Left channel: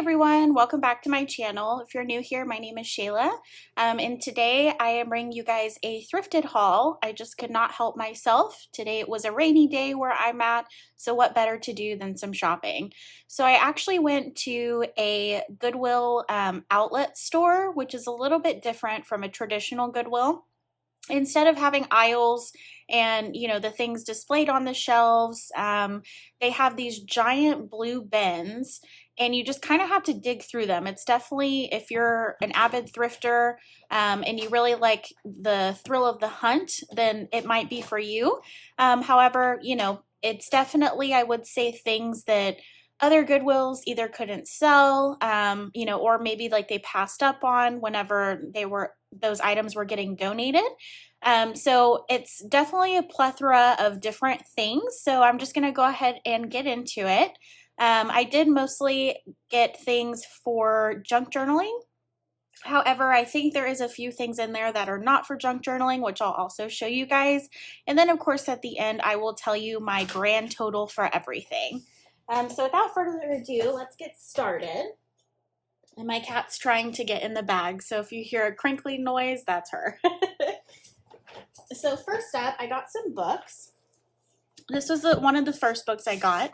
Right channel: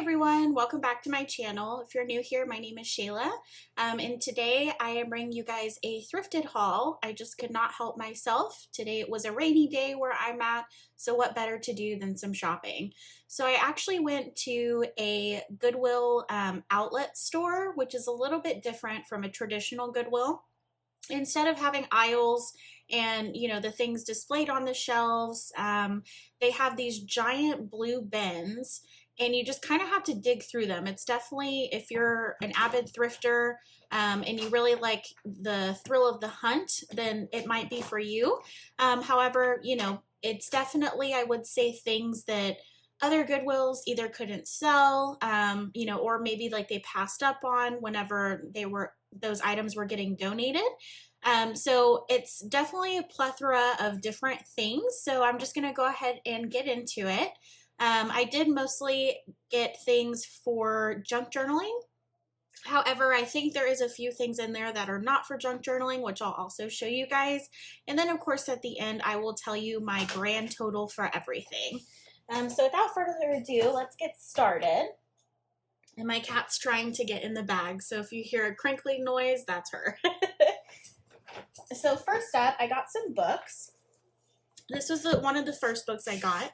everyone, welcome back to my channel. If you're new here, my name is Shayla, and today I am bringing you guys a thrifted haul. I just could not help myself. Today it was a rainy day where I'm at, so what better to do than some shopping? So I actually went to a Goodwill outlet store, which is a little bit different from a traditional Goodwill. Instead of having aisles and the things displayed on the shelves, they have these giant blue bins, and you just kind of have to dig through them. It's definitely, if you're an avid thrifter, and you really like the thrill of the hunt, then it might be for you. However, it's definitely, I would say, things that other Goodwills either couldn't sell, or maybe like they passed up on whenever those items were getting donated. So it's definitely a plethora of different things. So I'm just going to go ahead and get into it. I did mostly get things for junk journaling. However, I think there is a few things in there that are not for junk journaling, which I'll also show you guys. And then of course at the end, I will tell you my grand total for everything. So without further ado, let's get started. And my cat's trying to get in the bag, so if you hear a crinkly noise, that's her. So first up, I got some books. This was one of the first books I got.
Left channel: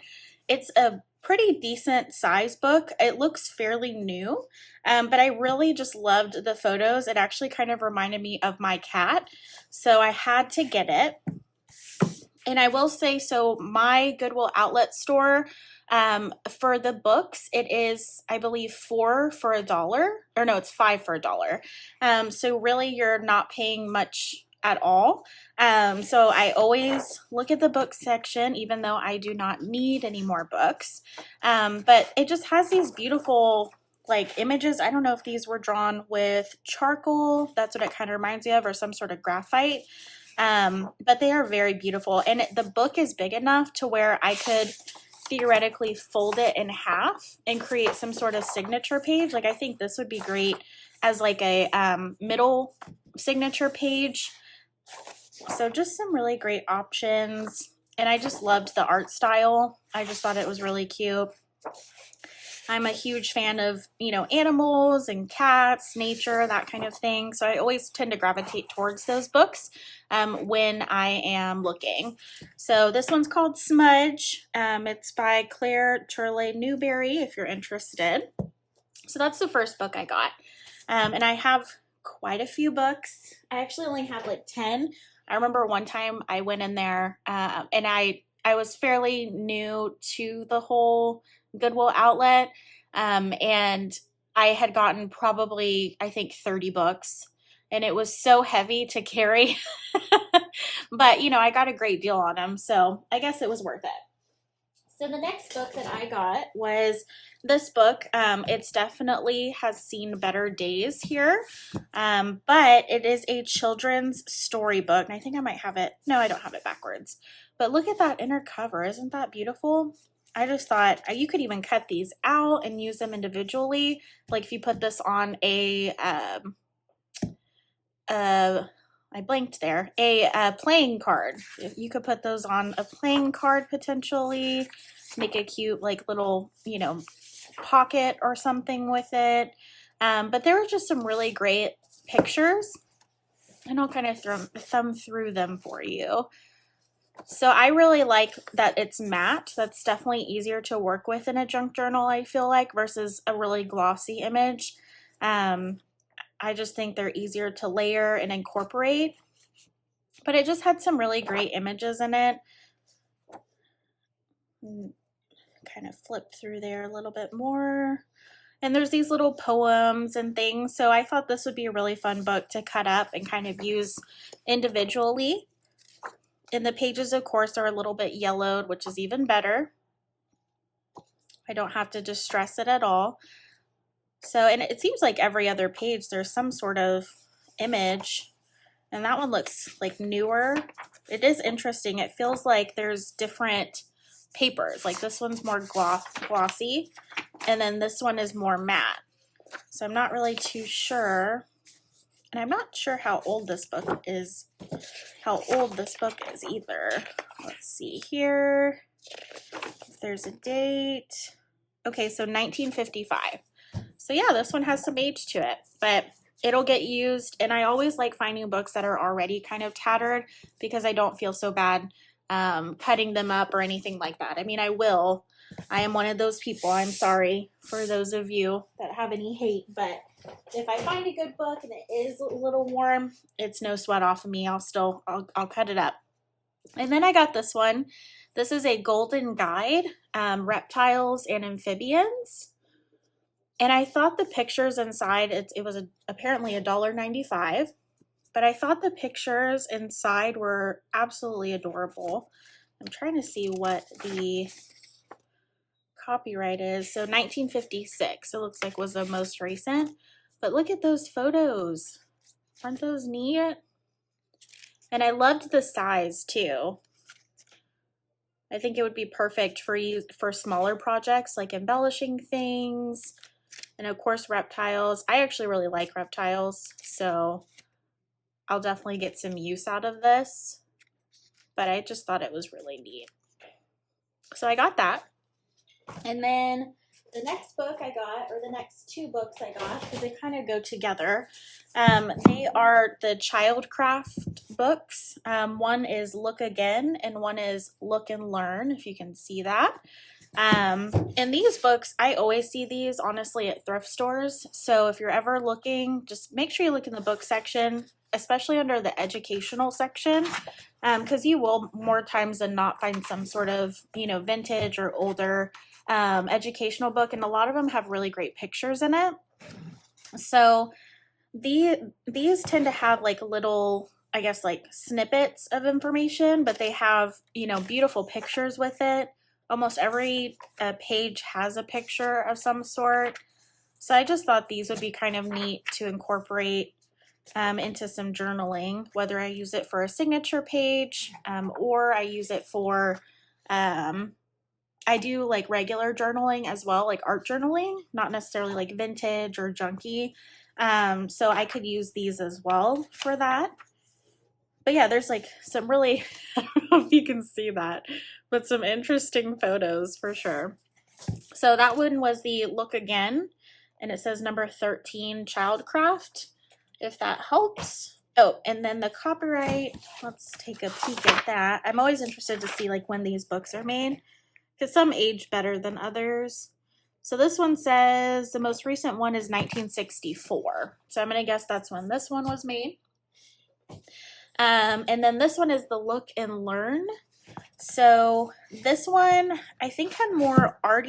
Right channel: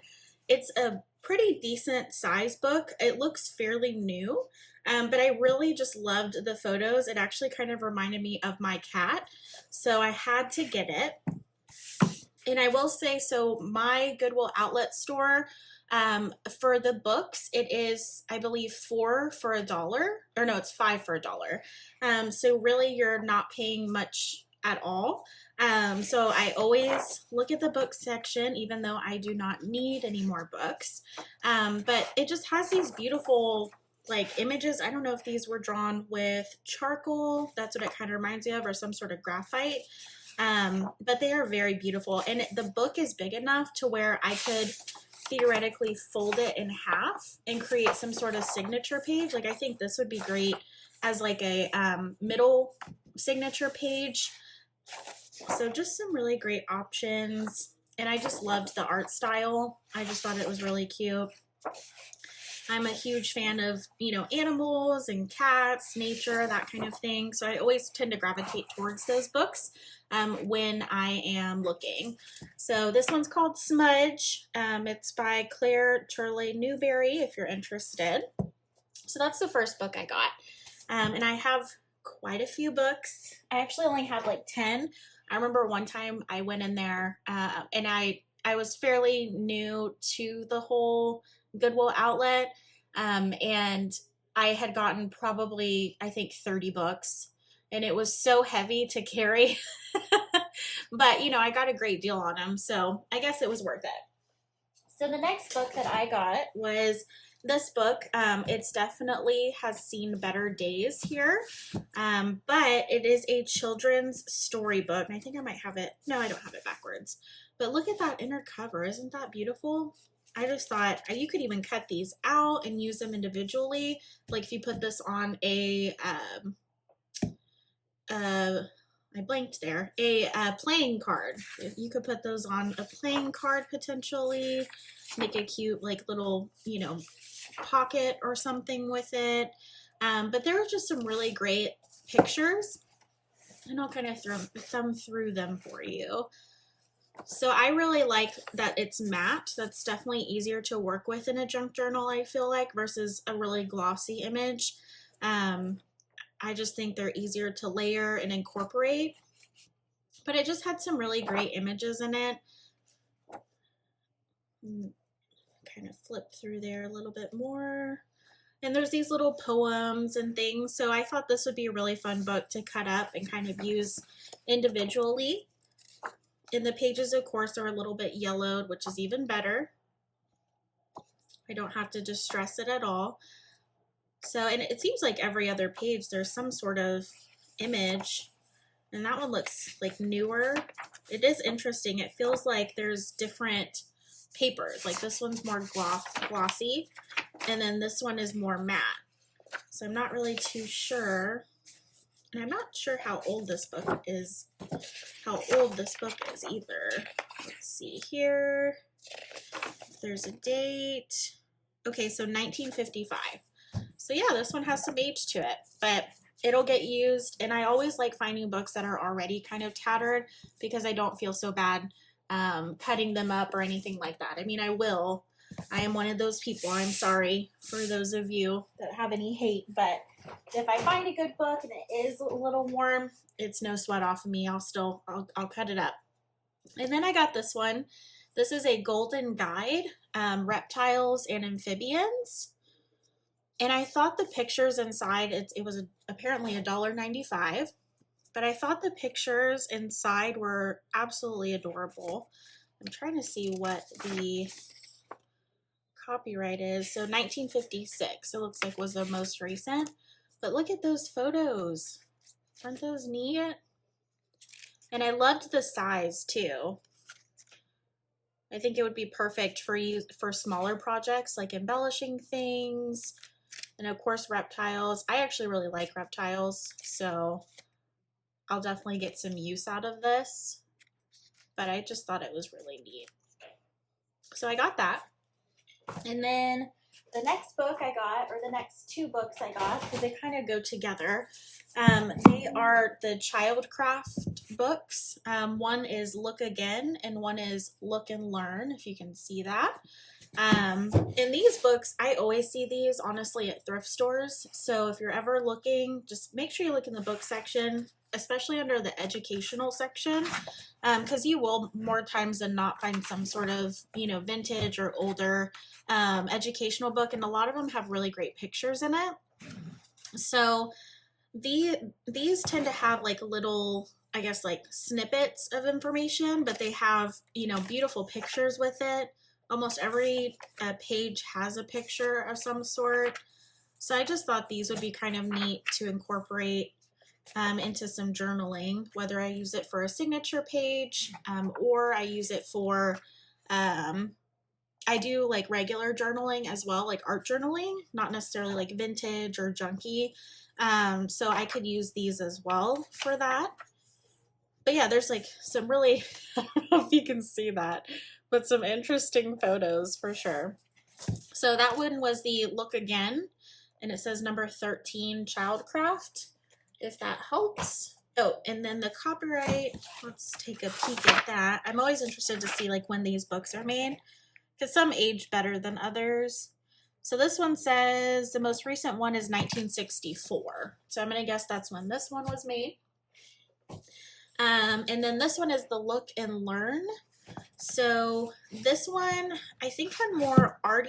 It's a pretty decent size book. It looks fairly new, but I really just loved the photos. It actually kind of reminded me of my cat, so I had to get it. And I will say, so my Goodwill Outlet store, for the books, it is, I believe, $4 for $1, or no, it's $5 for $1. So really you're not paying much at all. So I always look at the book section, even though I do not need any more books. But it just has these beautiful like images. I don't know if these were drawn with charcoal. That's what it kind of reminds me of, or some sort of graphite. But they are very beautiful, and the book is big enough to where I could theoretically fold it in half and create some sort of signature page. Like I think this would be great as like a middle signature page. So just some really great options, and I just loved the art style. I just thought it was really cute. I'm a huge fan of, animals and cats, nature, that kind of thing. So I always tend to gravitate towards those books when I am looking. So this one's called Smudge. It's by Claire Turley Newberry, if you're interested. So that's the first book I got. And I have quite a few books. I actually only have like 10. I remember one time I went in there and I was fairly new to the whole Goodwill Outlet, and I had gotten probably, I think, 30 books, and it was so heavy to carry. But I got a great deal on them, so I guess it was worth it. So the next book that I got was this book. It's definitely has seen better days here, but it is a children's storybook, and I think I might have it. No, I don't have it backwards. But look at that inner cover. Isn't that beautiful? I just thought you could even cut these out and use them individually. Like if you put this on a, I blanked there, a playing card. You could put those on a playing card potentially, make a cute like little, pocket or something with it. But there were just some really great pictures, and I'll kind of thumb through them for you. So I really like that it's matte. That's definitely easier to work with in a junk journal, I feel like, versus a really glossy image. I just think they're easier to layer and incorporate. But it just had some really great images in it. Kind of flip through there a little bit more. And there's these little poems and things. So I thought this would be a really fun book to cut up and kind of use individually. And the pages, of course, are a little bit yellowed, which is even better. I don't have to distress it at all. So, and it seems like every other page there's some sort of image. And that one looks like newer. It is interesting. It feels like there's different papers. Like this one's more glossy, and then this one is more matte. So I'm not really too sure. And I'm not sure how old this book is either. Let's see here. If there's a date. Okay, so 1955. So yeah, this one has some age to it, but it'll get used. And I always like finding books that are already kind of tattered because I don't feel so bad cutting them up or anything like that. I mean, I will. I am one of those people. I'm sorry for those of you that have any hate, but if I find a good book and it is a little warm, it's no sweat off of me. I'll cut it up. And then I got this one. This is a Golden Guide, Reptiles and Amphibians. And I thought the pictures inside, it was apparently $1.95, but I thought the pictures inside were absolutely adorable. I'm trying to see what the copyright is. So 1956, it looks like was the most recent. But look at those photos. Aren't those neat? And I loved the size too. I think it would be perfect for smaller projects like embellishing things. And of course, reptiles. I actually really like reptiles, so I'll definitely get some use out of this. But I just thought it was really neat. So I got that. And then the next book I got, or the next two books I got, because they kind of go together, they are the Childcraft books. One is Look Again, and one is Look and Learn, if you can see that. And these books, I always see these honestly at thrift stores. So if you're ever looking, just make sure you look in the book section, especially under the educational section, because you will more times than not find some sort of, vintage or older educational book. And a lot of them have really great pictures in it. So these tend to have like little, I guess, like snippets of information, but they have, beautiful pictures with it. Almost every page has a picture of some sort. So I just thought these would be kind of neat to incorporate into some journaling, whether I use it for a signature page or I use it for, I do like regular journaling as well, like art journaling, not necessarily like vintage or junky. So I could use these as well for that. But yeah, there's like some really, I don't know if you can see that, but some interesting photos for sure. So that one was the Look Again, and it says number 13, Childcraft, if that helps. Oh, and then the copyright, let's take a peek at that. I'm always interested to see like when these books are made, because some age better than others. So this one says the most recent one is 1964. So I'm going to guess that's when this one was made. And then this one is the Look and Learn. So this one, I think, had more art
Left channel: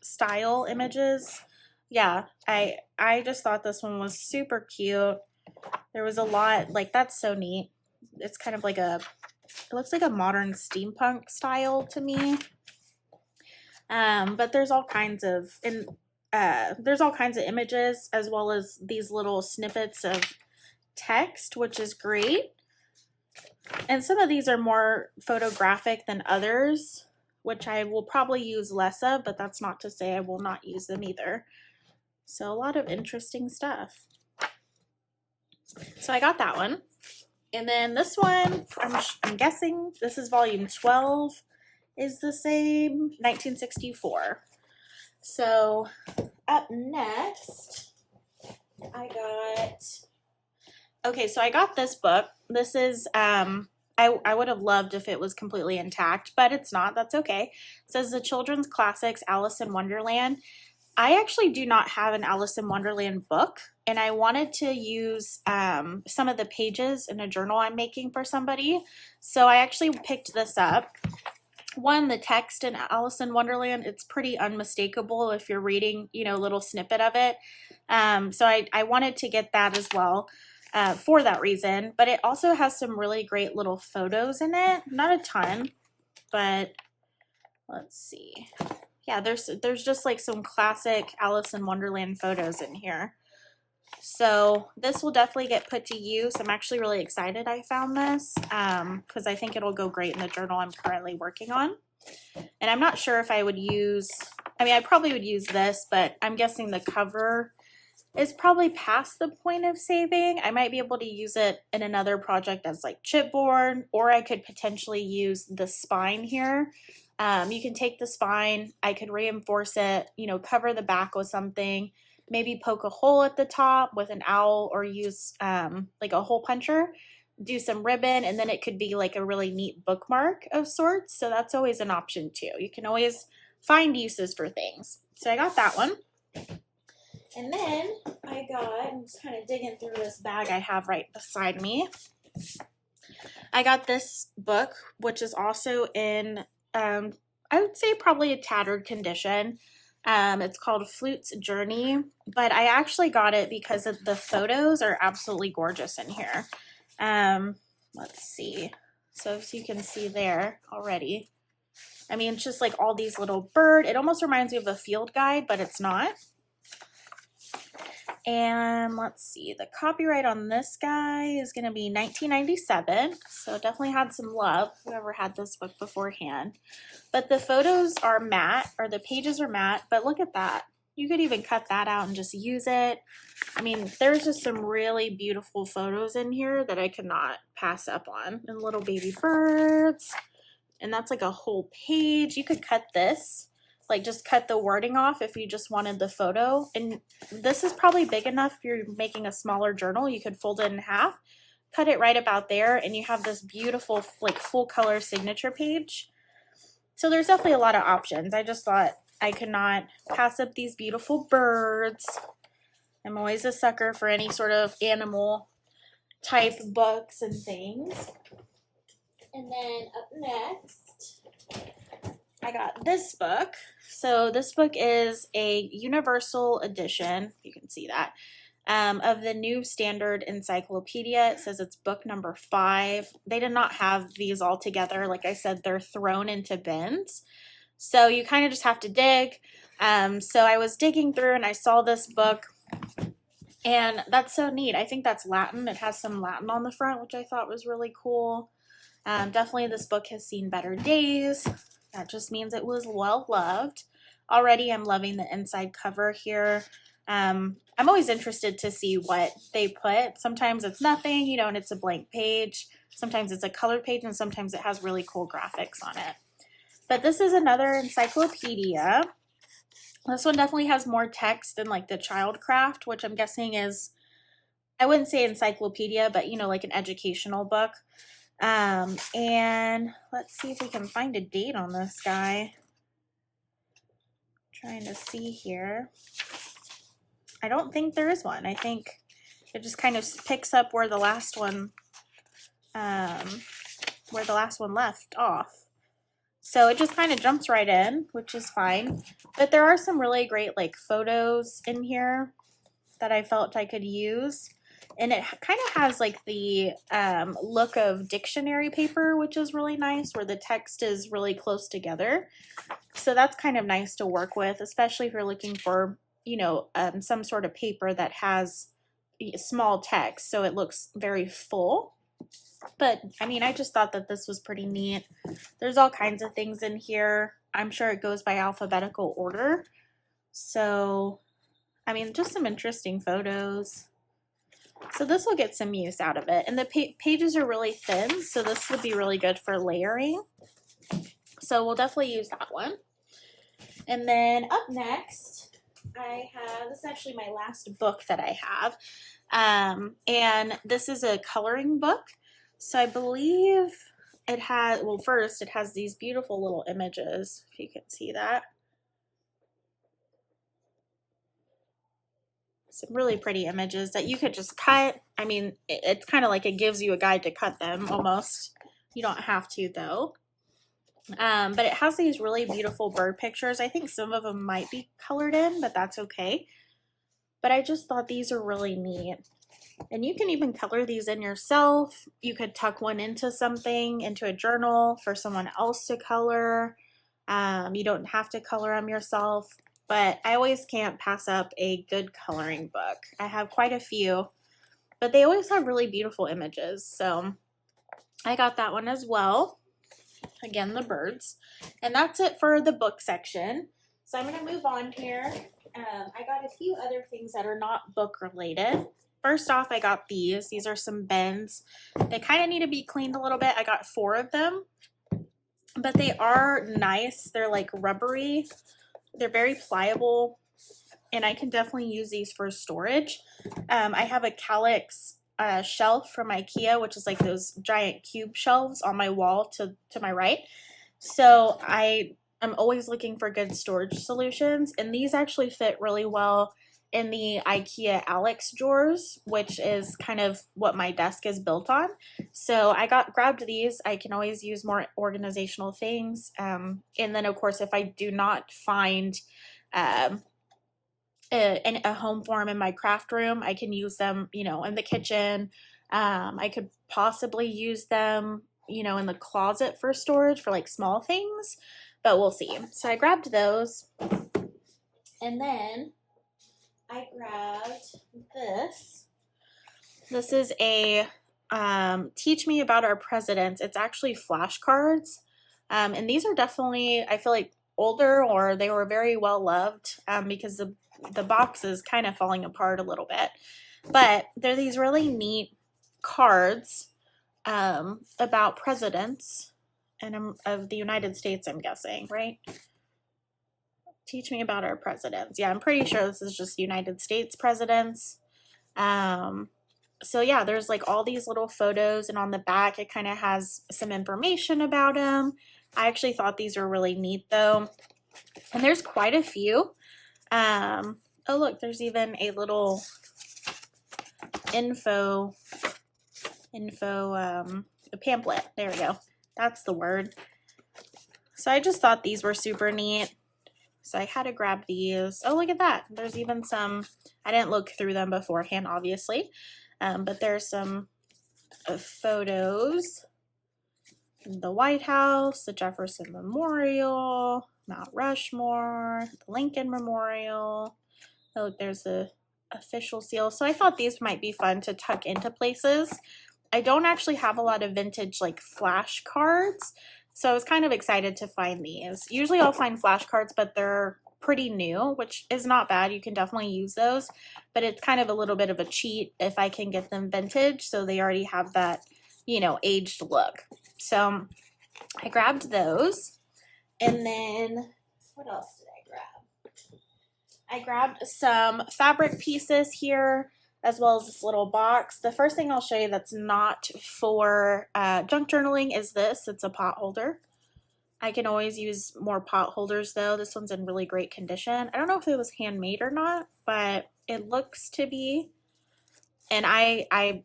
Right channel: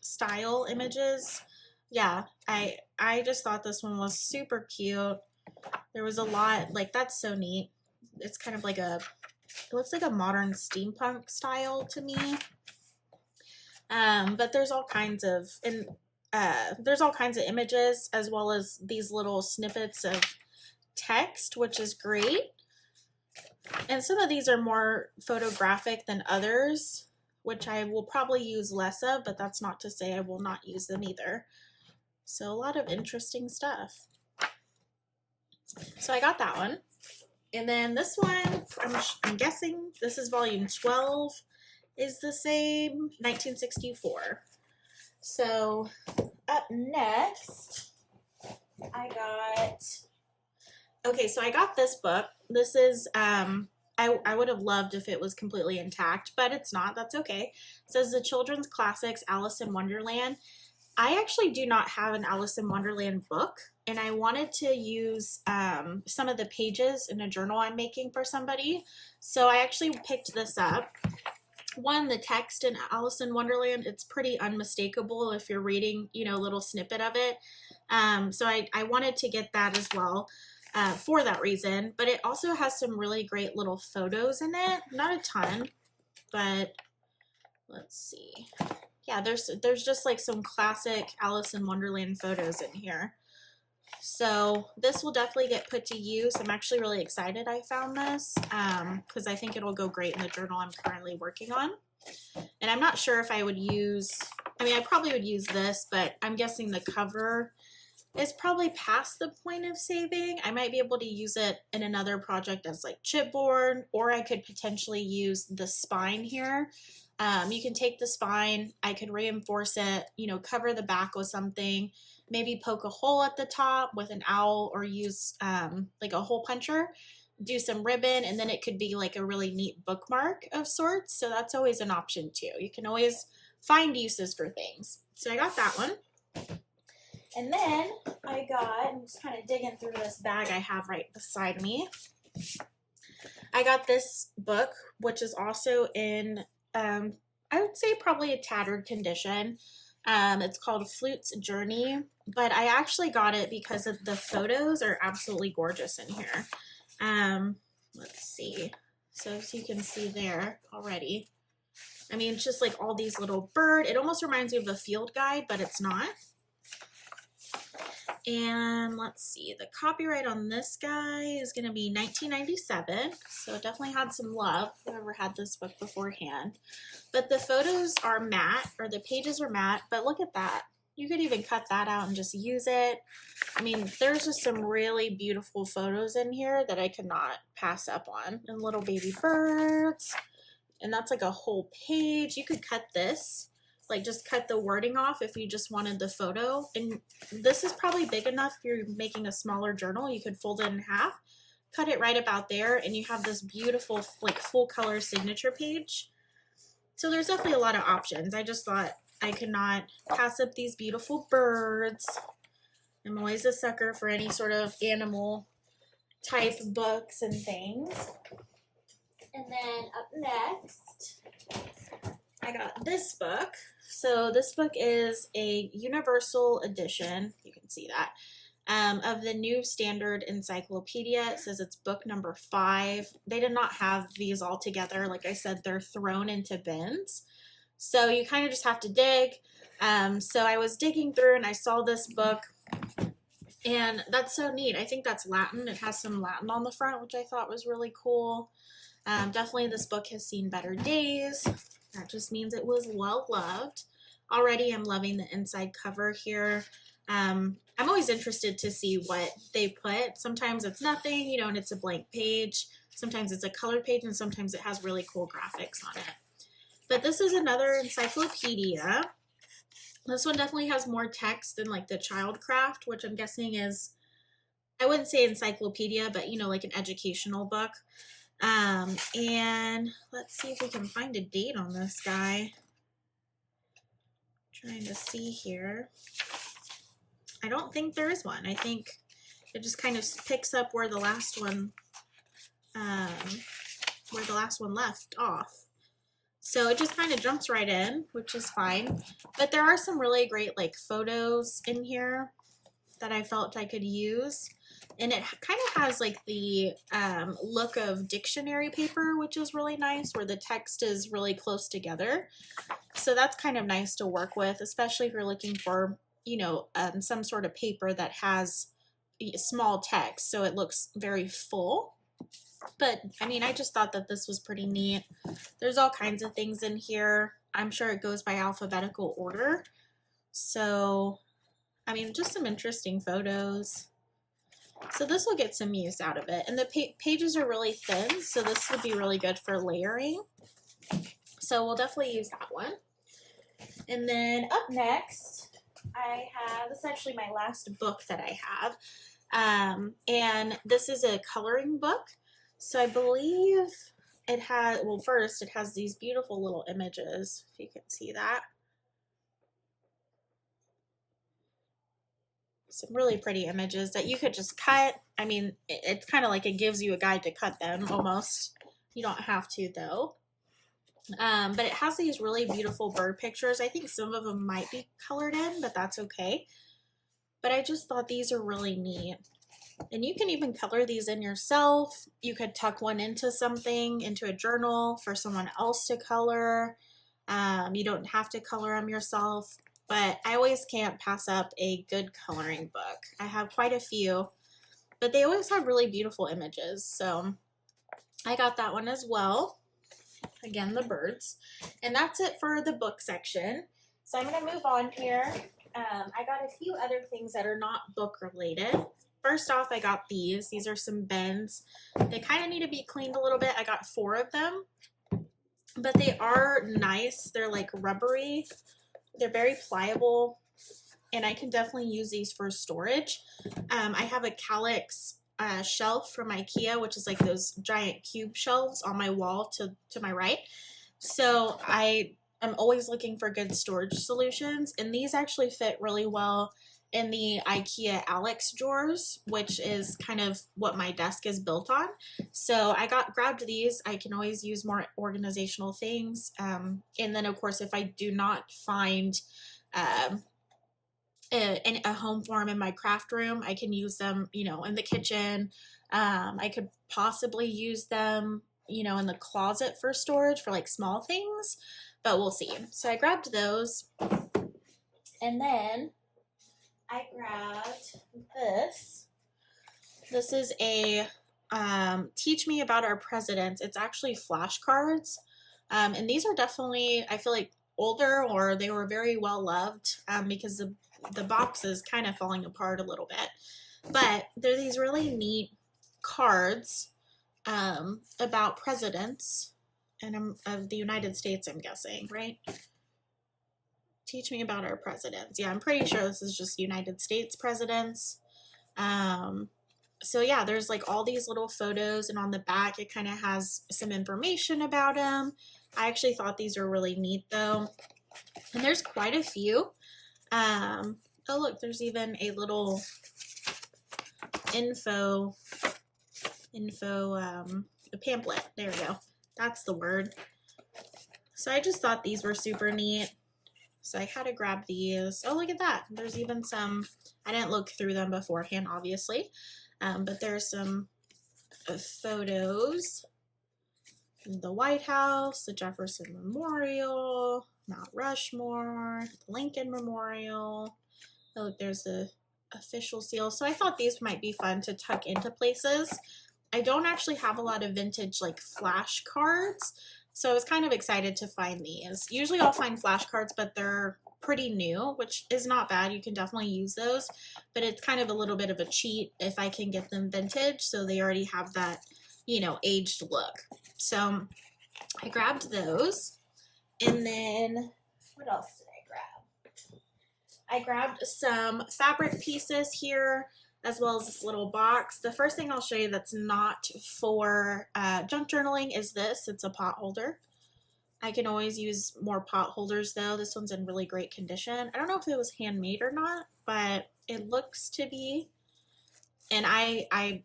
style images. Yeah, I just thought this one was super cute. There was a lot, like, that's so neat. It's kind of like it looks like a modern steampunk style to me. But there's all kinds of, images as well as these little snippets of text, which is great. And some of these are more photographic than others, which I will probably use less of, but that's not to say I will not use them either. So a lot of interesting stuff. So I got that one. And then this one, I'm guessing this is volume 12, is the same, 1964. So up next, I got this book. This is, I would have loved if it was completely intact, but it's not. That's okay. It says the Children's Classics, Alice in Wonderland. I actually do not have an Alice in Wonderland book, and I wanted to use some of the pages in a journal I'm making for somebody. So I actually picked this up. One, the text in Alice in Wonderland, it's pretty unmistakable if you're reading, a little snippet of it. So I wanted to get that as well. For that reason, but it also has some really great little photos in it. Not a ton, but let's see. Yeah, there's just like some classic Alice in Wonderland photos in here. So this will definitely get put to use. I'm actually really excited I found this because I think it'll go great in the journal I'm currently working on. And I'm not sure if I would use, I probably would use this, but I'm guessing the cover is probably past the point of saving. I might be able to use it in another project as like chipboard, or I could potentially use the spine here You can take the spine, I could reinforce it, you know, cover the back with something, maybe poke a hole at the top with an owl, or use like a hole puncher, do some ribbon, and then it could be like a really neat bookmark of sorts. So that's always an option too. You can always find uses for things. So I got that one. And then I'm just kind of digging through this bag I have right beside me. I got this book, which is also in, I would say probably a tattered condition. It's called Flute's Journey, but I actually got it because the photos are absolutely gorgeous in here. Let's see. So as you can see there already, I mean, it's just like all these little bird. It almost reminds me of a field guide, but it's not. And let's see, the copyright on this guy is going to be 1997. So it definitely had some love, whoever had this book beforehand. But the photos are matte, or the pages are matte, but look at that. You could even cut that out and just use it. I mean, there's just some really beautiful photos in here that I could not pass up on. And little baby birds. And that's like a whole page. You could cut this, like just cut the wording off if you just wanted the photo. And this is probably big enough if you're making a smaller journal. You could fold it in half, cut it right about there, and you have this beautiful like full color signature page. So there's definitely a lot of options. I just thought I could not pass up these beautiful birds. I'm always a sucker for any sort of animal type books and things. And then up next, I got this book. So this book is a universal edition, you can see that, of the New Standard Encyclopedia. It says it's book number 5. They did not have these all together. Like I said, they're thrown into bins. So you kind of just have to dig. So I was digging through and I saw this book, and that's so neat. I think that's Latin. It has some Latin on the front, which I thought was really cool. Definitely this book has seen better days. That just means it was well loved. Already I'm loving the inside cover here. I'm always interested to see what they put. Sometimes it's nothing, you know, and it's a blank page. Sometimes it's a colored page, and sometimes it has really cool graphics on it. But this is another encyclopedia. This one definitely has more text than like the Childcraft, which I'm guessing is, I wouldn't say encyclopedia, but you know, like an educational book. And let's see if we can find a date on this guy. Trying to see here. I don't think there is one. I think it just kind of picks up where the last one left off. So it just kind of jumps right in, which is fine. But there are some really great like photos in here that I felt I could use. And it kind of has like the look of dictionary paper, which is really nice, where the text is really close together. So that's kind of nice to work with, especially if you're looking for, you know, some sort of paper that has small text, so it looks very full. But I mean, I just thought that this was pretty neat. There's all kinds of things in here. I'm sure it goes by alphabetical order. So, I mean, just some interesting photos. So this will get some use out of it. And the pages are really thin, so this would be really good for layering. So we'll definitely use that one. And then up next, I have, this is actually my last book that I have. And this is a coloring book. So I believe it has, well, first it has these beautiful little images, if you can see that. Some really pretty images that you could just cut. I mean, it's kind of like it gives you a guide to cut them almost. You don't have to though. But it has these really beautiful bird pictures. I think some of them might be colored in, but that's okay. But I just thought these are really neat. And you can even color these in yourself. You could tuck one into something, into a journal for someone else to color. You don't have to color them yourself. But I always can't pass up a good coloring book. I have quite a few, but they always have really beautiful images. So I got that one as well. Again, the birds. And that's it for the book section. So I'm going to move on here. I got a few other things that are not book related. First off, I got these. These are some bins. They kind of need to be cleaned a little bit. I got 4 of them. but they are nice. They're like rubbery. They're very pliable, and I can definitely use these for storage. I have a Calyx shelf from IKEA, which is like those giant cube shelves on my wall to my right. So I'm always looking for good storage solutions, and these actually fit really well in the IKEA Alex drawers, which is kind of what my desk is built on. So I grabbed these. I can always use more organizational things. And then of course, if I do not find a home for them in my craft room, I can use them, you know, in the kitchen. I could possibly use them, you know, in the closet for storage for like small things, but we'll see. So I grabbed those, and then I grabbed this. This is a teach me about our presidents. It's actually flashcards, and these are definitely, I feel like, older, or they were very well loved, because the box is kind of falling apart a little bit. But they're these really neat cards about presidents and of the United States, I'm guessing, right? Teach me about our presidents. Yeah, I'm pretty sure this is just United States presidents. So yeah, there's like all these little photos, and on the back it kind of has some information about them. I actually thought these were really neat though. And there's quite a few. Oh look, there's even a little info a pamphlet. There we go. That's the word. So I just thought these were super neat. So I had to grab these. Oh, look at that. There's even some, I didn't look through them beforehand, obviously. But there's some photos. The White House, the Jefferson Memorial, Mount Rushmore, the Lincoln Memorial. Oh, look, there's the official seal. So I thought these might be fun to tuck into places. I don't actually have a lot of vintage like flashcards, so I was kind of excited to find these. Usually I'll find flashcards, but they're pretty new, which is not bad. You can definitely use those, but it's kind of a little bit of a cheat if I can get them vintage, so they already have that, you know, aged look. So I grabbed those, and then what else did I grab? I grabbed some fabric pieces here, as well as this little box. The first thing I'll show you that's not for junk journaling is this. It's a pot holder. I can always use more pot holders though. This one's in really great condition. I don't know if it was handmade or not, but it looks to be. And I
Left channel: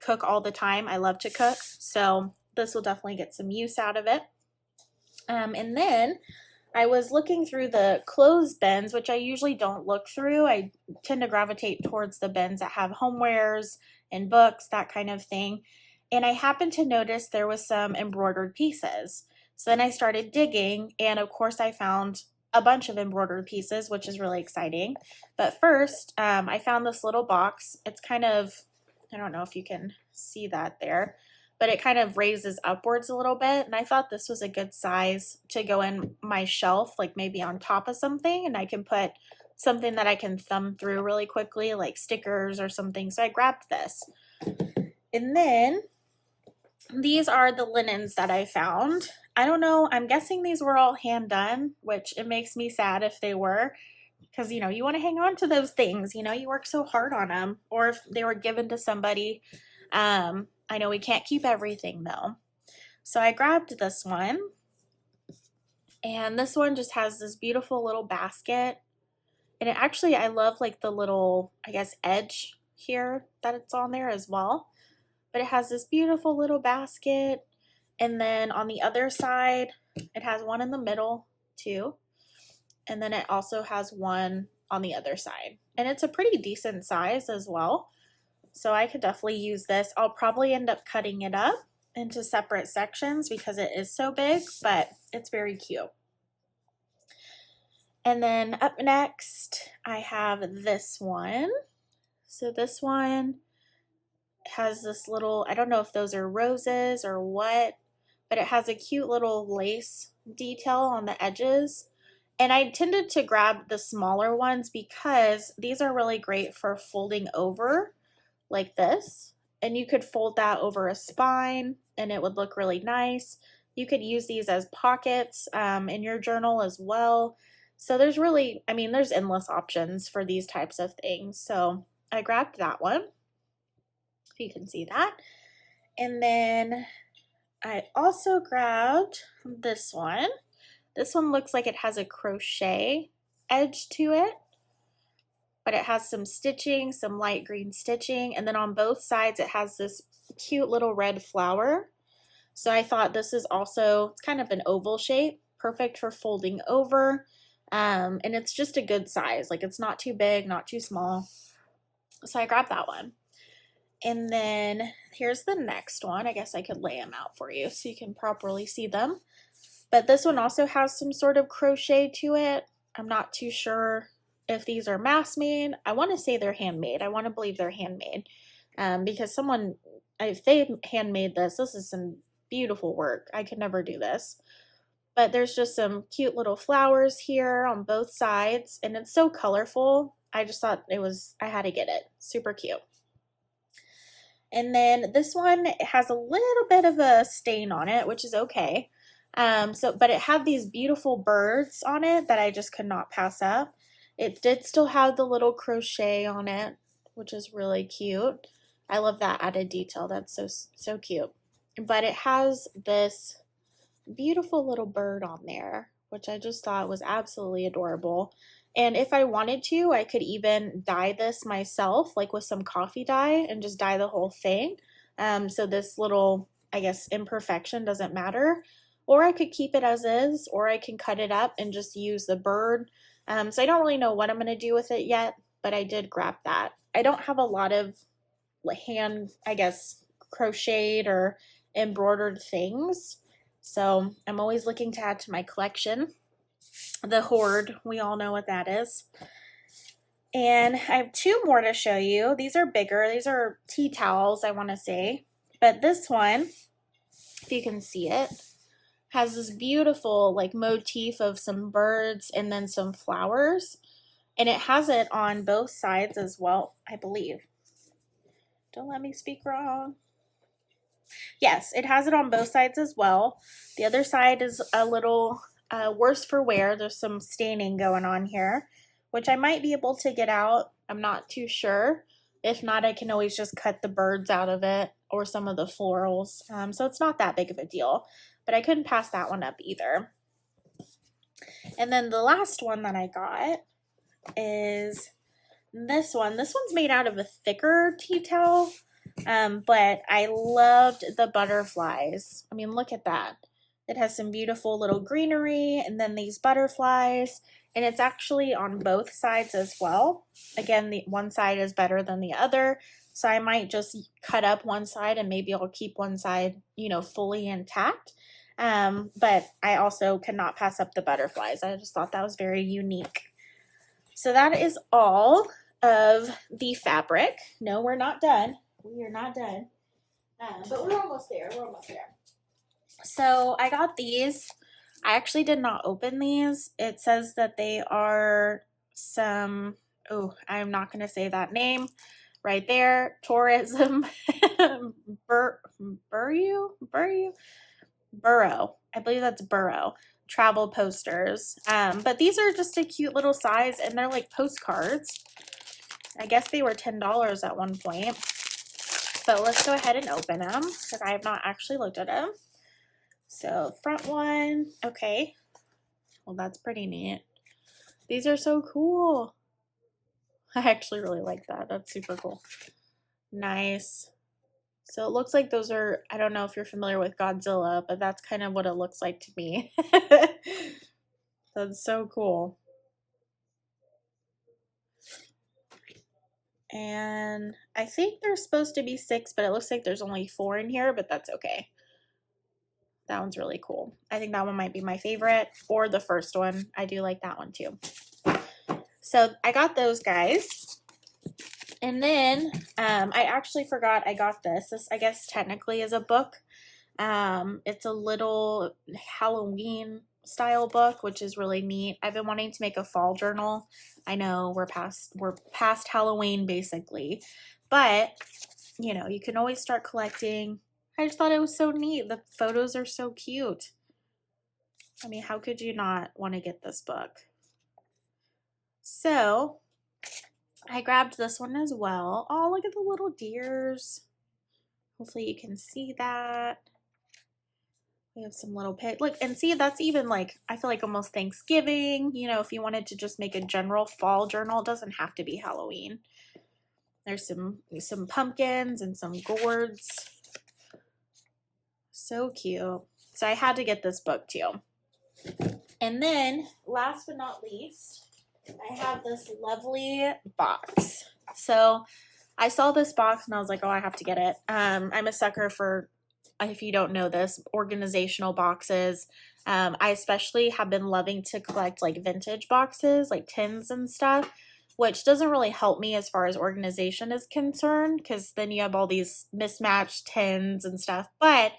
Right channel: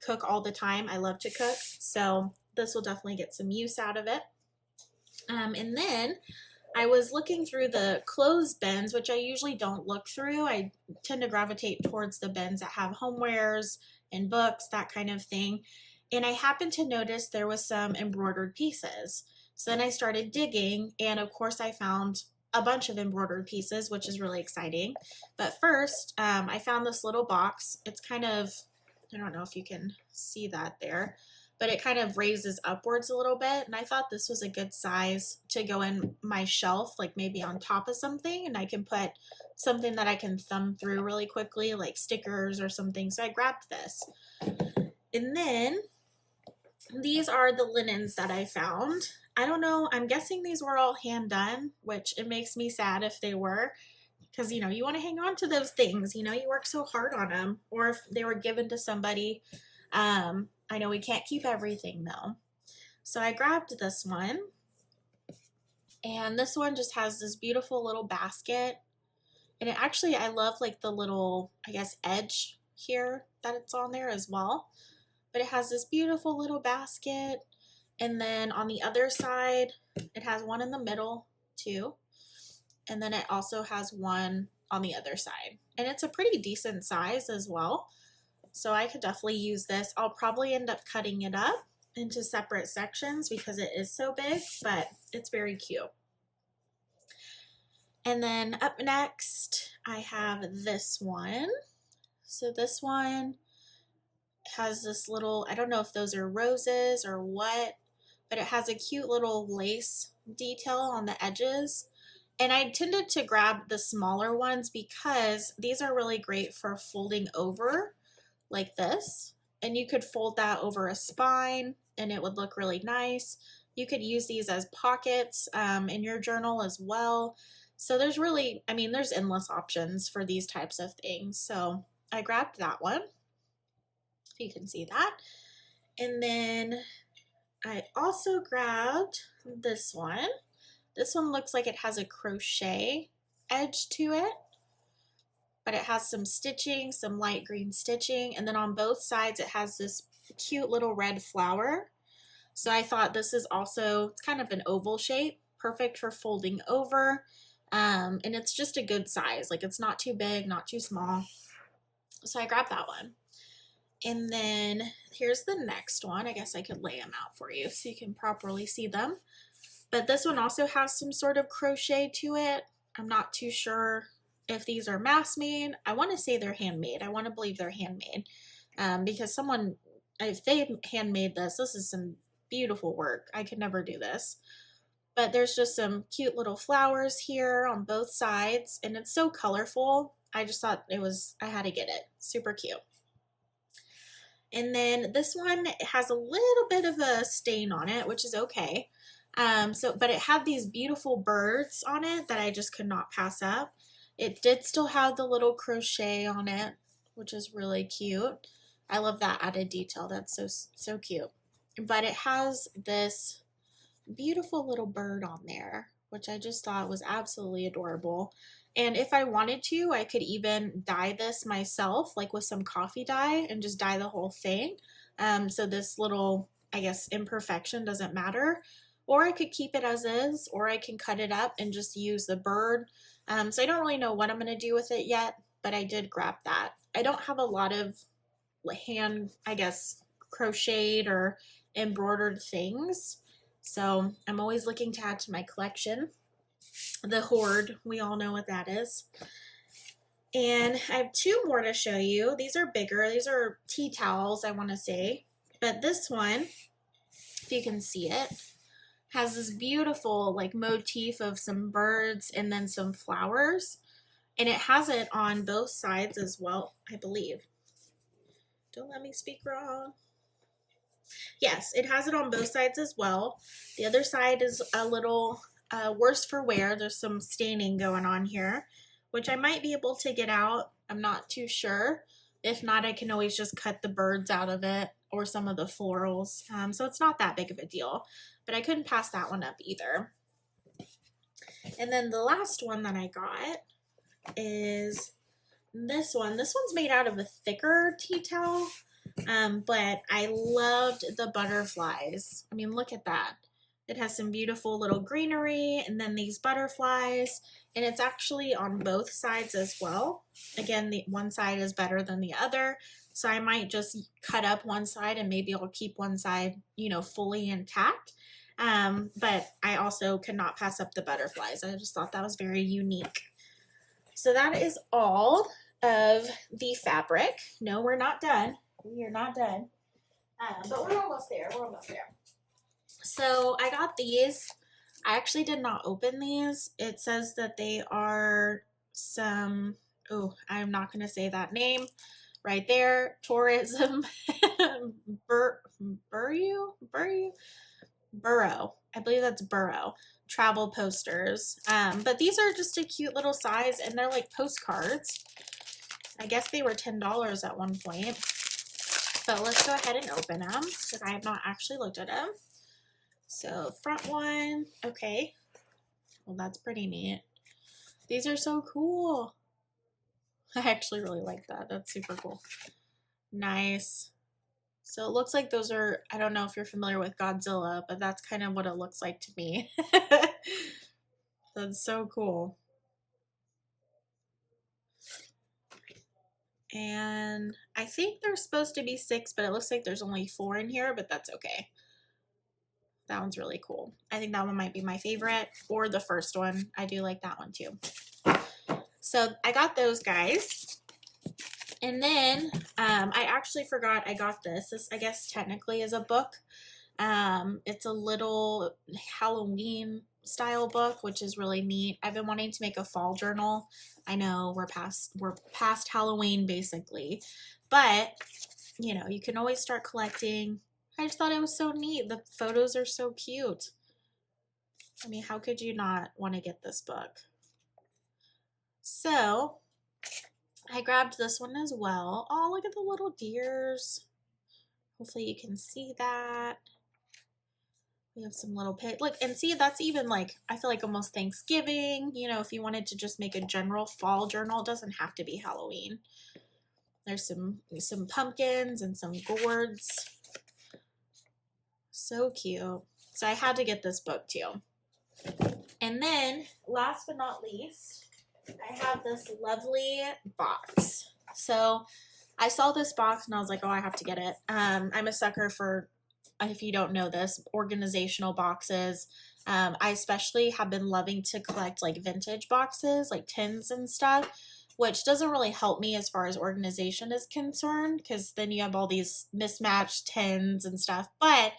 cook all the time. I love to cook, so this will definitely get some use out of it. And then I was looking through the clothes bins, which I usually don't look through. I tend to gravitate towards the bins that have homewares and books, that kind of thing. And I happened to notice there was some embroidered pieces. So then I started digging, and of course I found a bunch of embroidered pieces, which is really exciting. But first, I found this little box. It's kind of, I don't know if you can see that there, but it kind of raises upwards a little bit. And I thought this was a good size to go in my shelf, like maybe on top of something, and I can put something that I can thumb through really quickly, like stickers or something. So I grabbed this. And then these are the linens that I found. I don't know, I'm guessing these were all hand done, which it makes me sad if they were, because, you know, you want to hang on to those things, you know, you work so hard on them, or if they were given to somebody. I know we can't keep everything though. So I grabbed this one, and this one just has this beautiful little basket. And it actually, I love like the little, I guess, edge here that it's on there as well. But it has this beautiful little basket. And then on the other side, it has one in the middle too. And then it also has one on the other side. And it's a pretty decent size as well. So I could definitely use this. I'll probably end up cutting it up into separate sections because it is so big, but it's very cute. And then up next, I have this one. So this one has this little, I don't know if those are roses or what, but it has a cute little lace detail on the edges. And I tended to grab the smaller ones because these are really great for folding over like this. And you could fold that over a spine and it would look really nice. You could use these as pockets in your journal as well. So there's really, I mean, there's endless options for these types of things. So I grabbed that one, if you can see that. And then I also grabbed this one. This one looks like it has a crochet edge to it, but it has some stitching, some light green stitching, and then on both sides it has this cute little red flower. So I thought this is also, it's kind of an oval shape, perfect for folding over, and it's just a good size. Like it's not too big, not too small. So I grabbed that one. And then here's the next one. I guess I could lay them out for you so you can properly see them. But this one also has some sort of crochet to it. I'm not too sure if these are mass made. I want to say they're handmade. I want to believe they're handmade because someone, if they handmade this is some beautiful work. I could never do this. But there's just some cute little flowers here on both sides, and it's so colorful. I just thought I had to get it. Super cute. And then this one has a little bit of a stain on it, which is okay. But it had these beautiful birds on it that I just could not pass up. It did still have the little crochet on it, which is really cute. I love that added detail. That's so cute. But it has this beautiful little bird on there, which I just thought was absolutely adorable. And if I wanted to, I could even dye this myself, like with some coffee dye, and just dye the whole thing. So this little, I guess, imperfection doesn't matter. Or I could keep it as is, or I can cut it up and just use the bird. So I don't really know what I'm going to do with it yet, but I did grab that. I don't have a lot of hand, I guess, crocheted or embroidered things. So I'm always looking to add to my collection. The hoard, we all know what that is. And I have two more to show you. These are bigger. These are tea towels, I want to say. But this one, if you can see it, has this beautiful like motif of some birds and then some flowers. And it has it on both sides as well, I believe. Don't let me speak wrong. Yes, it has it on both sides as well. The other side is a little worse for wear. There's some staining going on here, which I might be able to get out. I'm not too sure. If not, I can always just cut the birds out of it or some of the florals. So it's not that big of a deal, but I couldn't pass that one up either. And then the last one that I got is this one. This one's made out of a thicker tea towel. But I loved the butterflies. I mean, look at that. It has some beautiful little greenery and then these butterflies, and it's actually on both sides as well. Again, the one side is better than the other, so I might just cut up one side and maybe I'll keep one side, fully intact. But I also could not pass up the butterflies. I just thought that was very unique. So that is all of the fabric. No, we're not done. We are not done, but we're almost there. We're almost there. So I got these. I actually did not open these. It says that they are some, I'm not going to say that name right there. Tourism Burrow. I believe that's Burrow. Travel posters. But these are just a cute little size, and they're like postcards. I guess they were $10 at one point. But let's go ahead and open them because I have not actually looked at them. So front one, okay. Well, that's pretty neat. These are so cool. I actually really like that. That's super cool. Nice. So it looks like those are, I don't know if you're familiar with Godzilla, but that's kind of what it looks like to me. That's so cool. And I think there's supposed to be 6, but it looks like there's only 4 in here, but that's okay. That one's really cool. I think that one might be my favorite, or the first one. I do like that one too. So I got those guys. And then I actually forgot I got this. This, I guess, technically is a book. It's a little Halloween style book, which is really neat. I've been wanting to make a fall journal. I know we're past Halloween basically, but you can always start collecting. I just thought it was so neat. The photos are so cute. I mean, how could you not want to get this book? So I grabbed this one as well. Oh, look at the little deers. Hopefully you can see that. We have some little pit. Look, and see, that's even like, I feel like almost Thanksgiving. You know, if you wanted to just make a general fall journal, it doesn't have to be Halloween. There's some pumpkins and some gourds. So cute. So I had to get this book too. And then, last but not least, I have this lovely box. So I saw this box and I was like, oh, I have to get it. I'm a sucker for, if you don't know this, organizational boxes. I especially have been loving to collect like vintage boxes, like tins and stuff, which doesn't really help me as far as organization is concerned, because then you have all these mismatched tins and stuff. But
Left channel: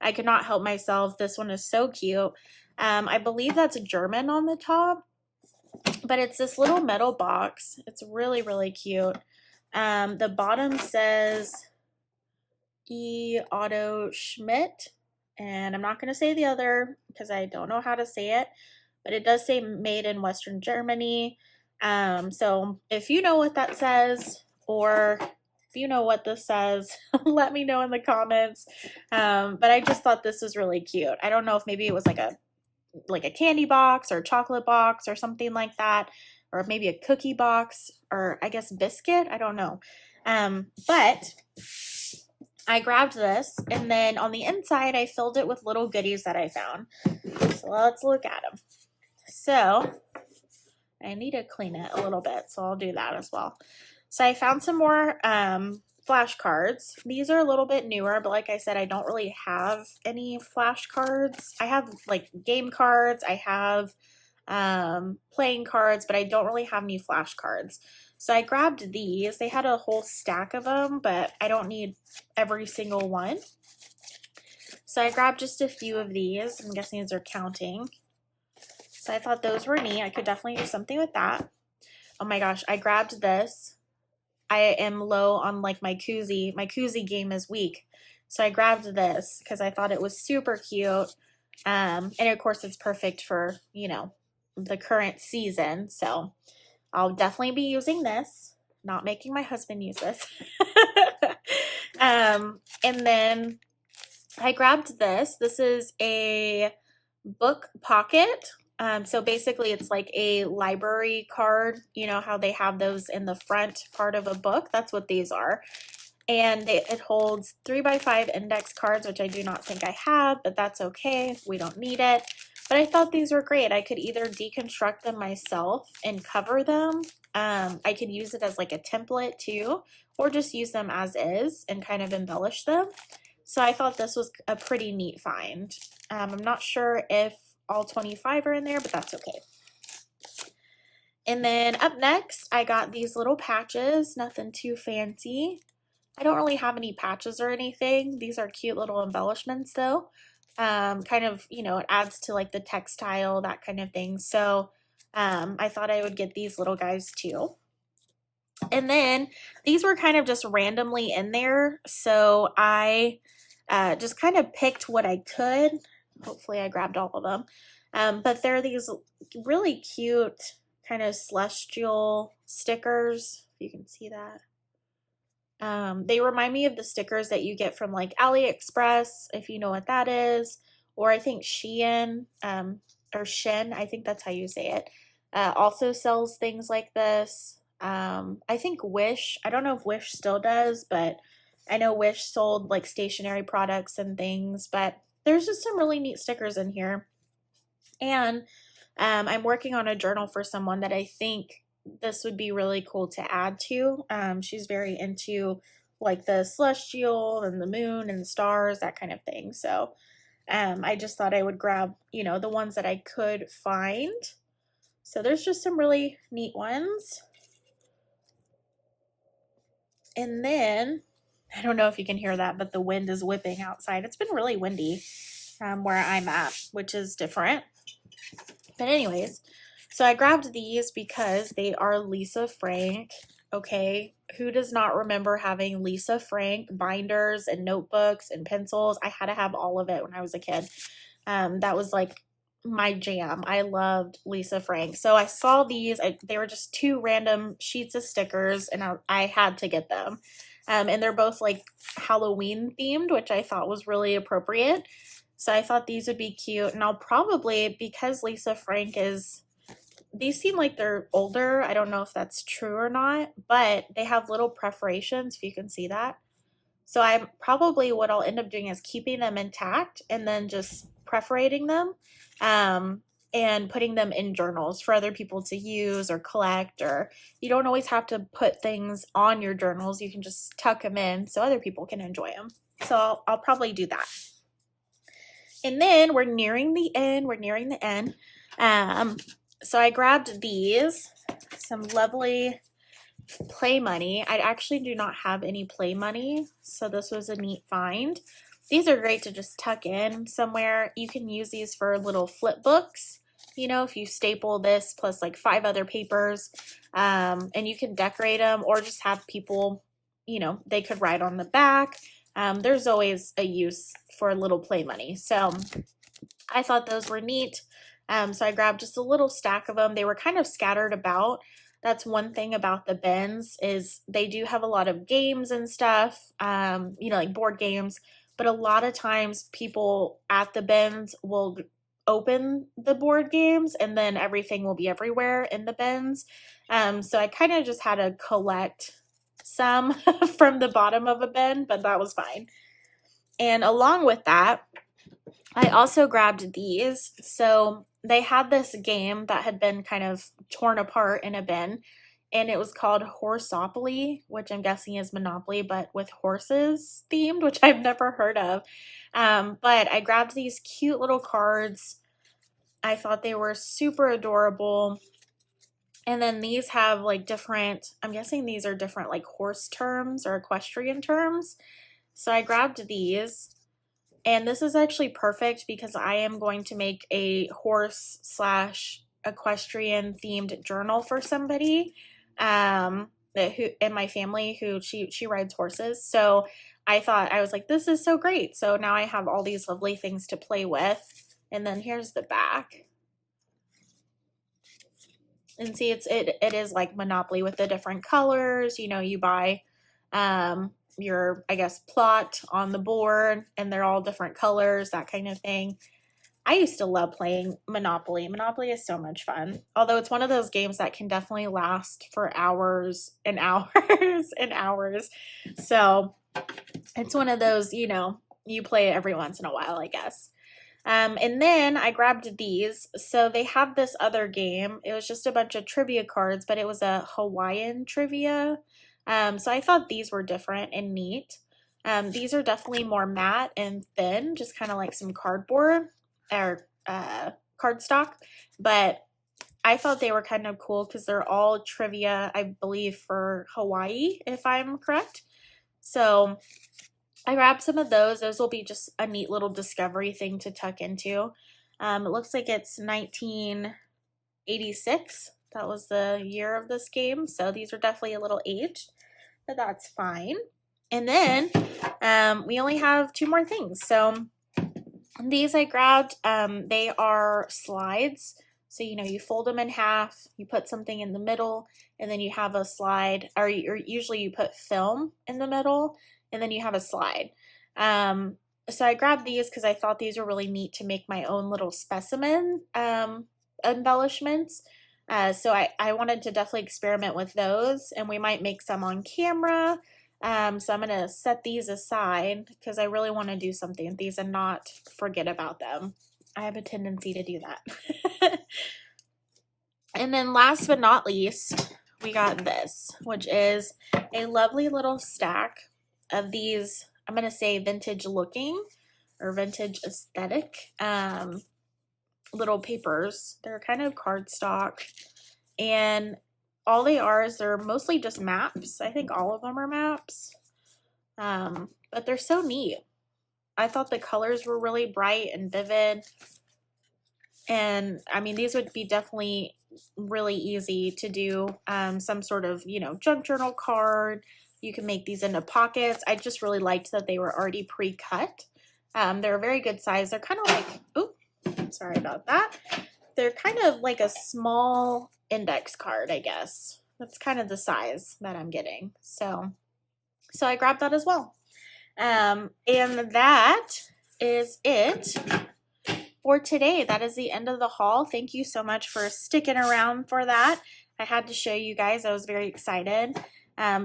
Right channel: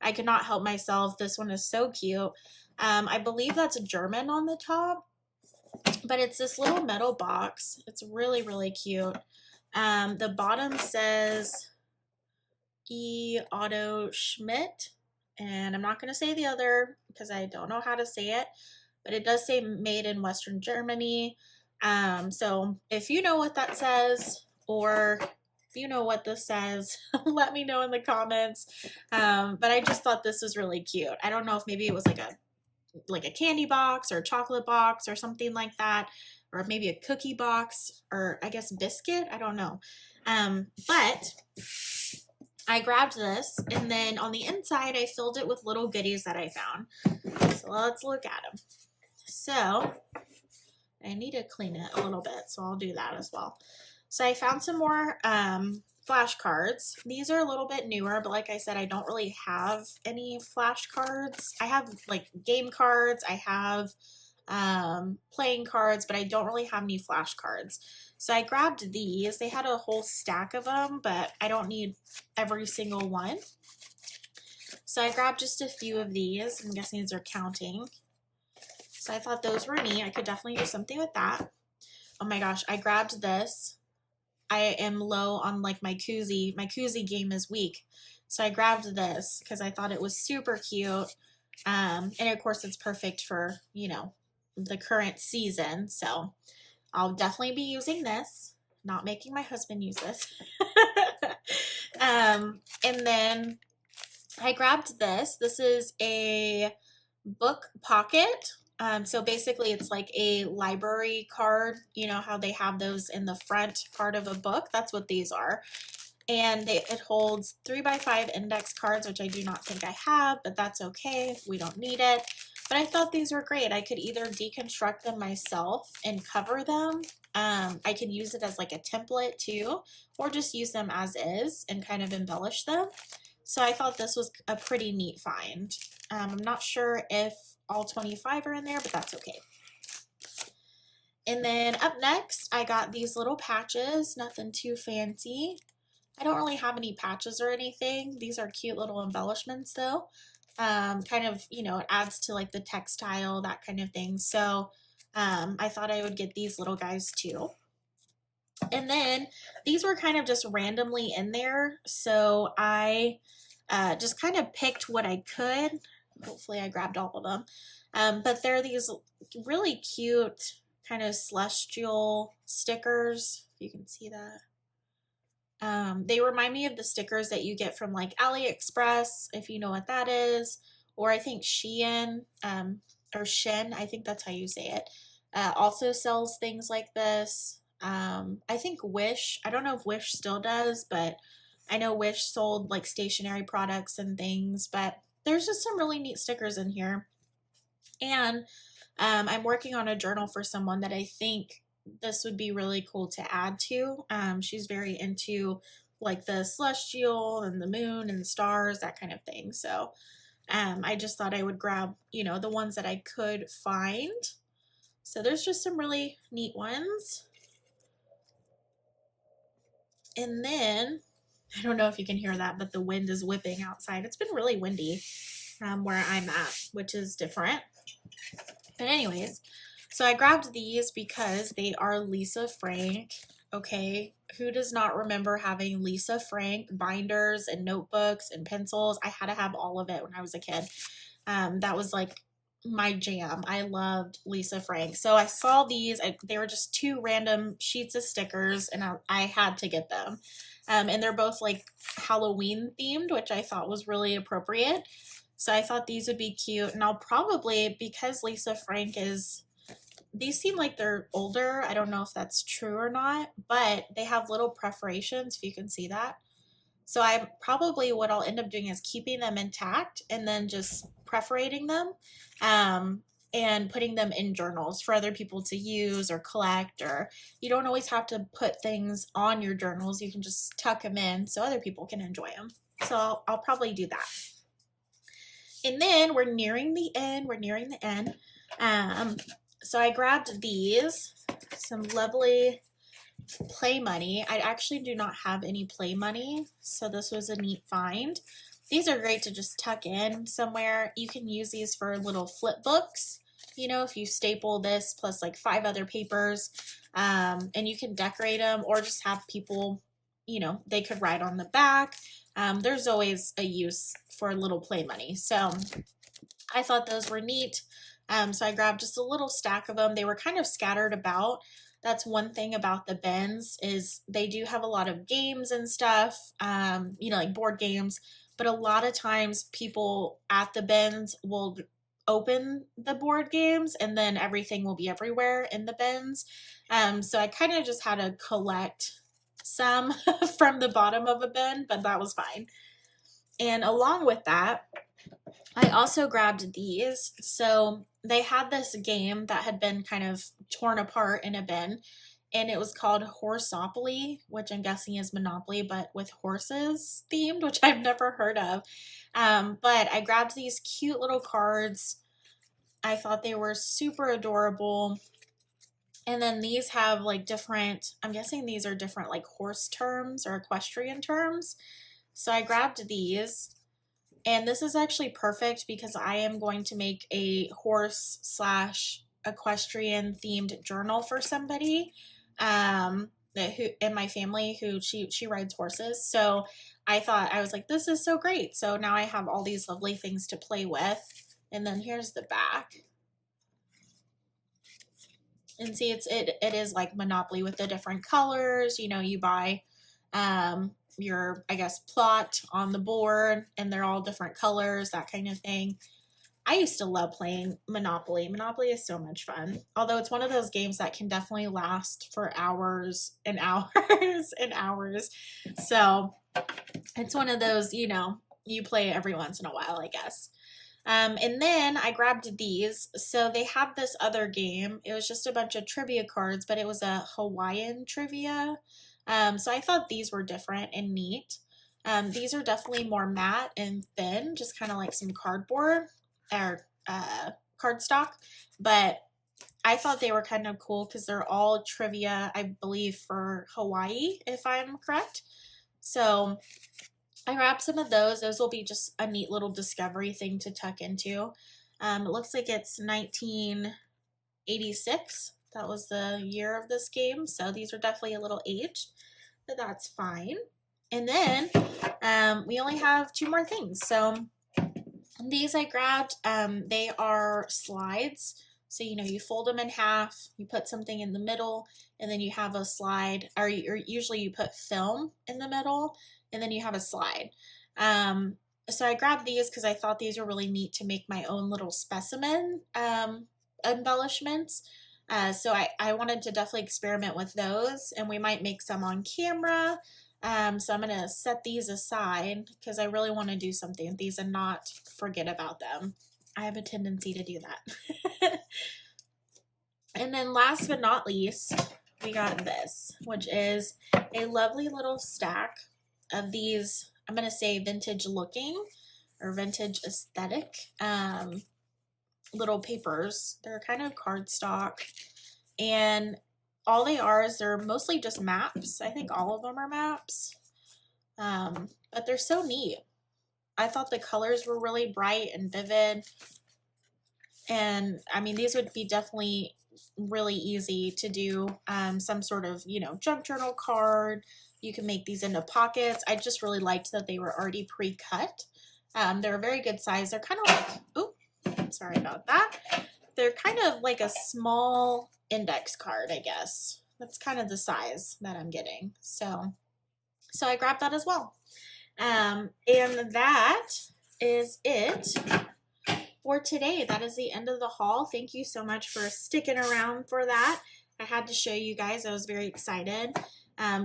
I could not help myself. This one is so cute. I believe that's German on the top, but it's this little metal box. It's really, really cute. The bottom says E. Otto Schmidt, and I'm not going to say the other because I don't know how to say it, but it does say made in Western Germany. So if you know what that says, or if you know what this says, let me know in the comments. But I just thought this was really cute. I don't know if maybe it was like a candy box or a chocolate box or something like that, or maybe a cookie box, or I guess biscuit. I don't know. But I grabbed this, and then on the inside, I filled it with little goodies that I found. So let's look at them. So I need to clean it a little bit, so I'll do that as well. So I found some more flashcards. These are a little bit newer, but like I said, I don't really have any flashcards. I have like game cards, I have playing cards, but I don't really have any flashcards. So I grabbed these. They had a whole stack of them, but I don't need every single one. So I grabbed just a few of these. I'm guessing these are counting. So I thought those were neat. I could definitely do something with that. Oh my gosh, I grabbed this. I am low on like my koozie. My koozie game is weak. So I grabbed this because I thought it was super cute. And of course it's perfect for, you know, the current season. So I'll definitely be using this. Not making my husband use this. And then I grabbed this. This is a book pocket. So basically it's like a library card, you know how they have those in the front part of a book. That's what these are. And it holds 3x5 index cards, which I do not think I have, but that's okay. We don't need it. But I thought these were great. I could either deconstruct them myself and cover them. I could use it as like a template too, or just use them as is and kind of embellish them. So I thought this was a pretty neat find. I'm not sure if all 25 are in there, but that's okay. And then up next, I got these little patches, nothing too fancy. I don't really have any patches or anything. These are cute little embellishments though. Kind of, you know, it adds to like the textile, that kind of thing. So I thought I would get these little guys too. And then these were kind of just randomly in there. So I just kind of picked what I could. Hopefully I grabbed all of them. But they're these really cute kind of celestial stickers. If you can see that. They remind me of the stickers that you get from like AliExpress, if you know what that is. Or I think Shein, or Shin, I think that's how you say it. Also sells things like this. I think Wish, I don't know if Wish still does, but I know Wish sold like stationery products and things, but there's just some really neat stickers in here. And I'm working on a journal for someone that I think this would be really cool to add to. She's very into like the celestial and the moon and the stars, that kind of thing. So I just thought I would grab, you know, the ones that I could find. So there's just some really neat ones. And then, I don't know if you can hear that, but the wind is whipping outside. It's been really windy where I'm at, which is different. But anyways, so I grabbed these because they are Lisa Frank okay? Who does not remember having Lisa Frank binders and notebooks and pencils? I had to have all of it when I was a kid. That was like my jam. I loved Lisa Frank. So I saw these. They were just two random sheets of stickers, and I had to get them. And they're both like Halloween themed, which I thought was really appropriate. So I thought these would be cute. And I'll probably, because Lisa Frank is, these seem like they're older. I don't know if that's true or not, but they have little perforations, if you can see that. So I probably, what I'll end up doing is keeping them intact and then just perforating them and putting them in journals for other people to use or collect, or you don't always have to put things on your journals. You can just tuck them in so other people can enjoy them. So I'll probably do that. And then we're nearing the end. So I grabbed these, some lovely play money. I actually do not have any play money, so this was a neat find. These are great to just tuck in somewhere. You can use these for little flip books, you know, if you staple this plus like 5 other papers, and you can decorate them or just have people, you know, they could write on the back. There's always a use for little play money. So I thought those were neat. So I grabbed just a little stack of them. They were kind of scattered about. That's one thing about the bins is they do have a lot of games and stuff, you know, like board games, but a lot of times people at the bins will open the board games and then everything will be everywhere in the bins. So I kind of just had to collect some from the bottom of a bin, but that was fine. And along with that, I also grabbed these. So they had this game that had been kind of torn apart in a bin, and it was called Horsopoly, which I'm guessing is Monopoly, but with horses themed, which I've never heard of. But I grabbed these cute little cards. I thought they were super adorable. And then these have like different, I'm guessing these are different like horse terms or equestrian terms. So I grabbed these. And this is actually perfect because I am going to make a horse / equestrian themed journal for somebody who in my family who she rides horses. So I thought, I was like, this is so great. So now I have all these lovely things to play with. And then here's the back. And see, it is like Monopoly with the different colors. You know, you buy your, I guess, plot on the board and they're all different colors, that kind of thing. I used to love playing Monopoly. Monopoly is so much fun. Although it's one of those games that can definitely last for hours and hours and hours. So it's one of those, you know, you play it every once in a while, I guess. And then I grabbed these. So they had this other game. It was just a bunch of trivia cards, but it was a Hawaiian trivia. So I thought these were different and neat. These are definitely more matte and thin, just kind of like some cardboard or cardstock. But I thought they were kind of cool because they're all trivia, I believe, for Hawaii, if I'm correct. So I grabbed some of those. Those will be just a neat little discovery thing to tuck into. It looks like it's 1986. That was the year of this game. So these are definitely a little aged, but that's fine. And then we only have 2 more things. So these I grabbed. They are slides. So, you know, you fold them in half, you put something in the middle, and then you have a slide, or usually you put film in the middle, and then you have a slide. So I grabbed these because I thought these were really neat to make my own little specimen embellishments. So I wanted to definitely experiment with those, and we might make some on camera. So I'm going to set these aside because I really want to do something with these and not forget about them. I have a tendency to do that. And then last but not least, we got this, which is a lovely little stack of these, I'm going to say vintage looking or vintage aesthetic little papers. They're kind of cardstock, and all they are is they're mostly just maps. I think all of them are maps, but they're so neat. I thought the colors were really bright and vivid. And I mean, these would be definitely really easy to do some sort of, you know, junk journal card. You can make these into pockets. I just really liked that they were already pre-cut. They're a very good size. They're kind of like, oh, sorry about that. They're kind of like a small index card, I guess. That's kind of the size that I'm getting. So I grabbed that as well. And that is it for today. That is the end of the haul. Thank you so much for sticking around for that. I had to show you guys. I was very excited.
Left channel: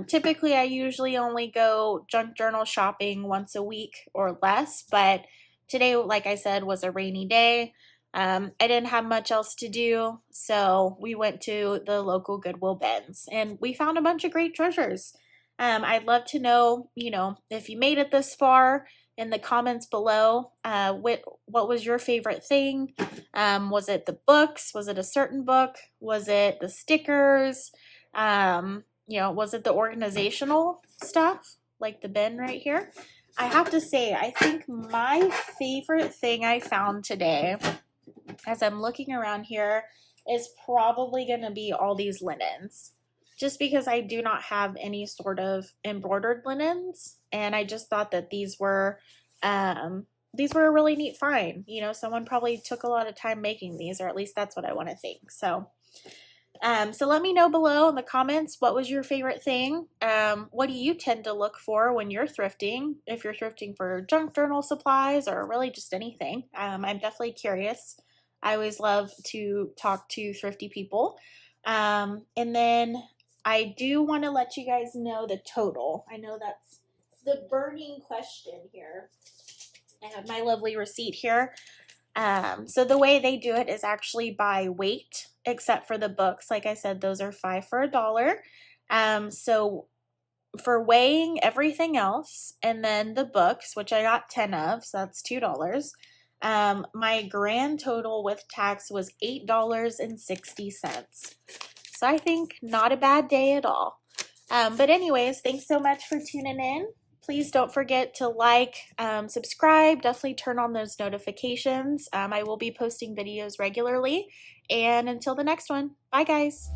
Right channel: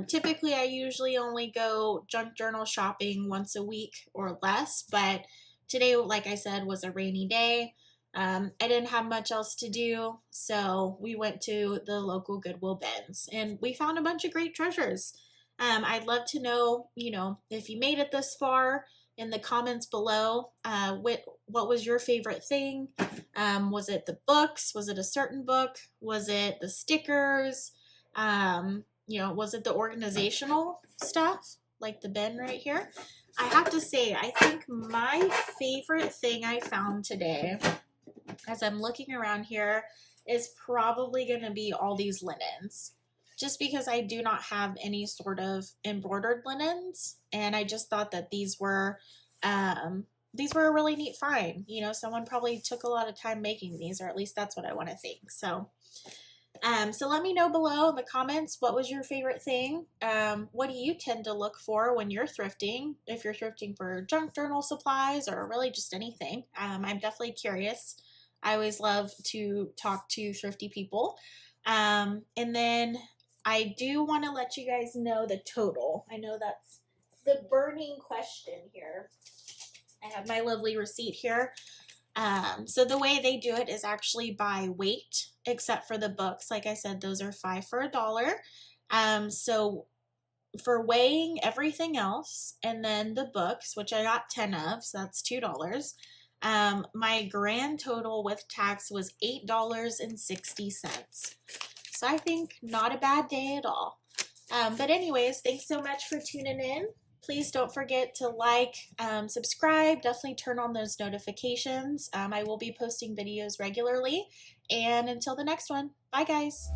Typically, I usually only go junk journal shopping once a week or less, but today, like I said, was a rainy day. I didn't have much else to do, so we went to the local Goodwill bins, and we found a bunch of great treasures. I'd love to know, you know, if you made it this far in the comments below. What was your favorite thing? Was it the books? Was it a certain book? Was it the stickers? You know, was it the organizational stuff, like the bin right here? I have to say, I think my favorite thing I found today, as I'm looking around here, is probably going to be all these linens. Just because I do not have any sort of embroidered linens, and I just thought that these were a really neat find. You know, someone probably took a lot of time making these, or at least that's what I want to think. So let me know below in the comments, what was your favorite thing? What do you tend to look for when you're thrifting? If you're thrifting for junk journal supplies or really just anything, I'm definitely curious. I always love to talk to thrifty people. And then I do want to let you guys know the total. I know that's the burning question here. I have my lovely receipt here. So the way they do it is actually by weight, except for the books. Like I said, those are 5 for $1. So for weighing everything else and then the books, which I got 10 of, so that's $2. My grand total with tax was $8.60. So I think not a bad day at all. But anyways, thanks so much for tuning in. Please don't forget to like, subscribe, definitely turn on those notifications. I will be posting videos regularly. And until the next one, bye guys.